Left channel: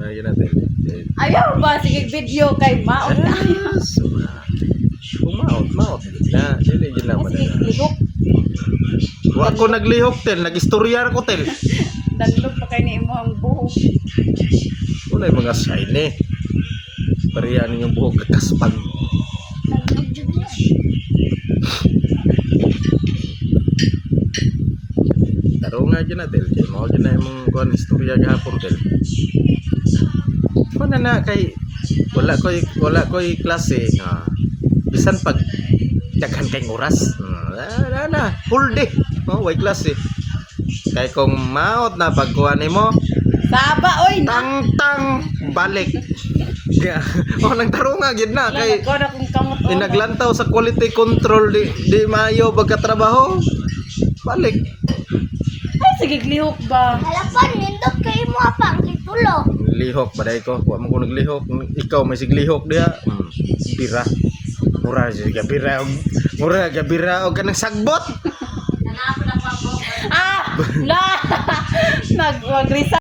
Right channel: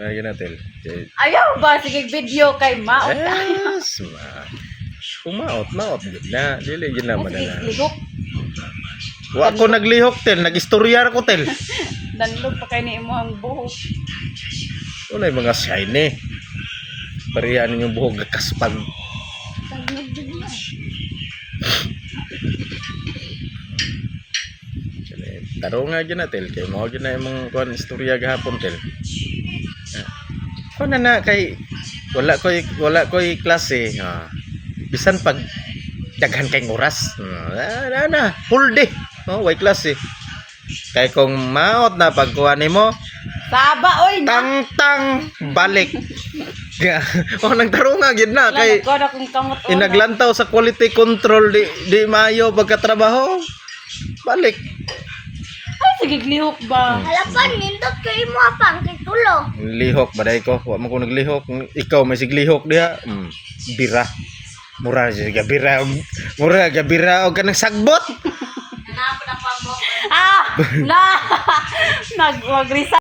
Ngayon natin. Ayaw ba? Sige, video kay Maot. Yes, maot gid na. Dili gid na Sige, madala. lihok. Wa ko naglihok tel, nagistoryar ko tel. Danlog pa kayo ni imo ang buhok. Wala yung mga shiny. Parihan yung buhok gakaspag. Danlog jud yan. Taro nga dyan na tel. Kaya mo dyan na yung mga kuhan istorya gahapon tel. Kung na kay wala ko'y klase. Bisan pag daghan kayong oras. Full day. Way klase. Kay kung maot na pagkuha nimo Baba, oy! tang balik. Nagtaro nga gid na kay inaglantaw sa quality control di maayo pagkatrabaho. Balik. Ay, sige, lihok ba? Halapan, nindot kayo mo apang kay tulo. Lihok baday ko. Wa man ko naglihok. Ikaw may siglihok diha. Bira. Mura siya bira. Mura ka bira og kanang sagbot. Ah! La! Nag-resign.